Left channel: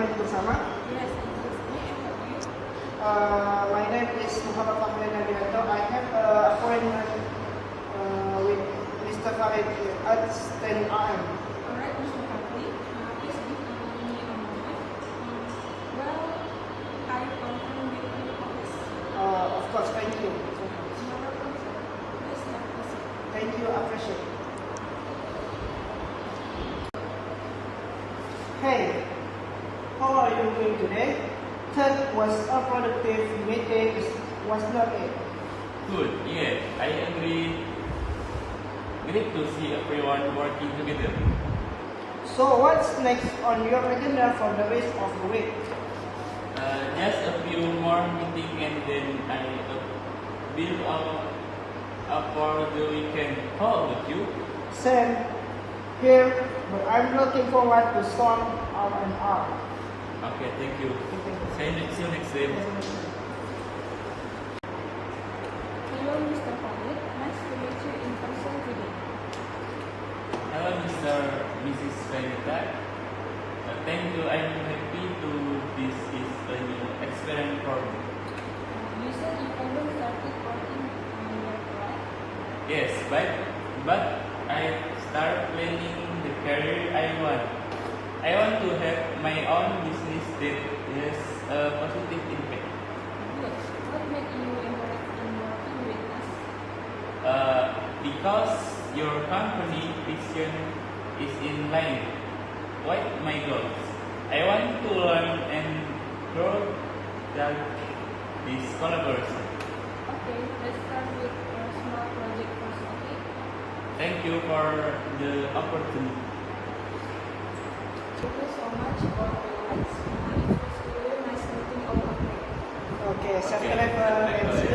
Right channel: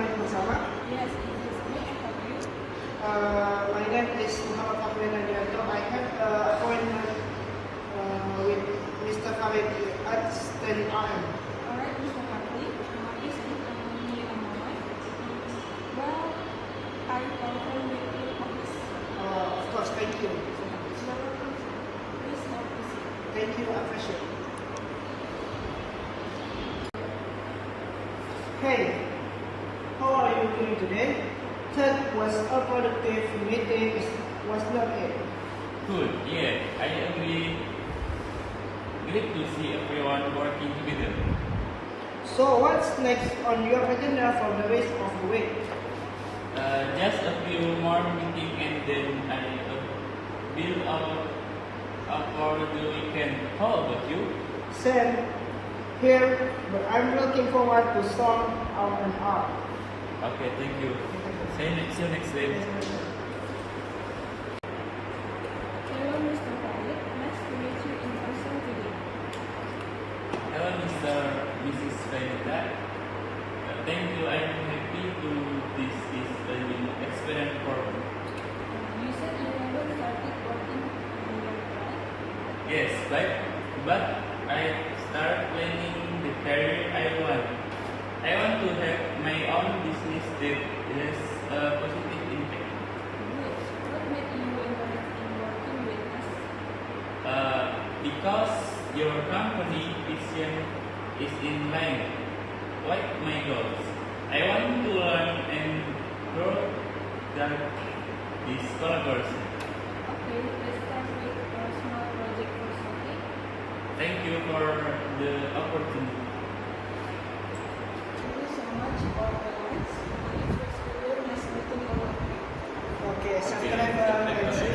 agreement bersama? Yes, it is good to have you. My name is Muhammad Fakhrul Nadianto. I have an appointment with Mr. Farid at 10 a.m. Alright, Mr. Fadli, please give me a moment. Well, I confirm with your office. Of course, thank you. You are welcome, sir. Please have a seat. Thank you, I appreciate it. Hey, how are you doing today? Third was a productive meeting, was not it? Good, yeah, I agree. Great to see everyone working together. So what's next on your agenda for the rest of the week? Just a few more meetings and then I build up for the weekend. How about you? Same here, but I'm looking forward to some and art. Okay, thank you. See you next week. Hello, Mr. Fadli. Nice to meet you in person today. Hello, Mrs. Seneta. Thank you. I am happy to this is a new experience for me. You said you haven't started working yet, right? Yes, but I start planning the career I want. I want to have my own business that has a positive impact. Good. What made you interested in working with us? Because your company vision is in line with my goals. I want to learn and grow this collaboration. Okay, let's start with a small project first, okay? Thank you for the opportunity. Thank you so much for your likes. It was really nice meeting all of you. Okay, Okay, subscribe and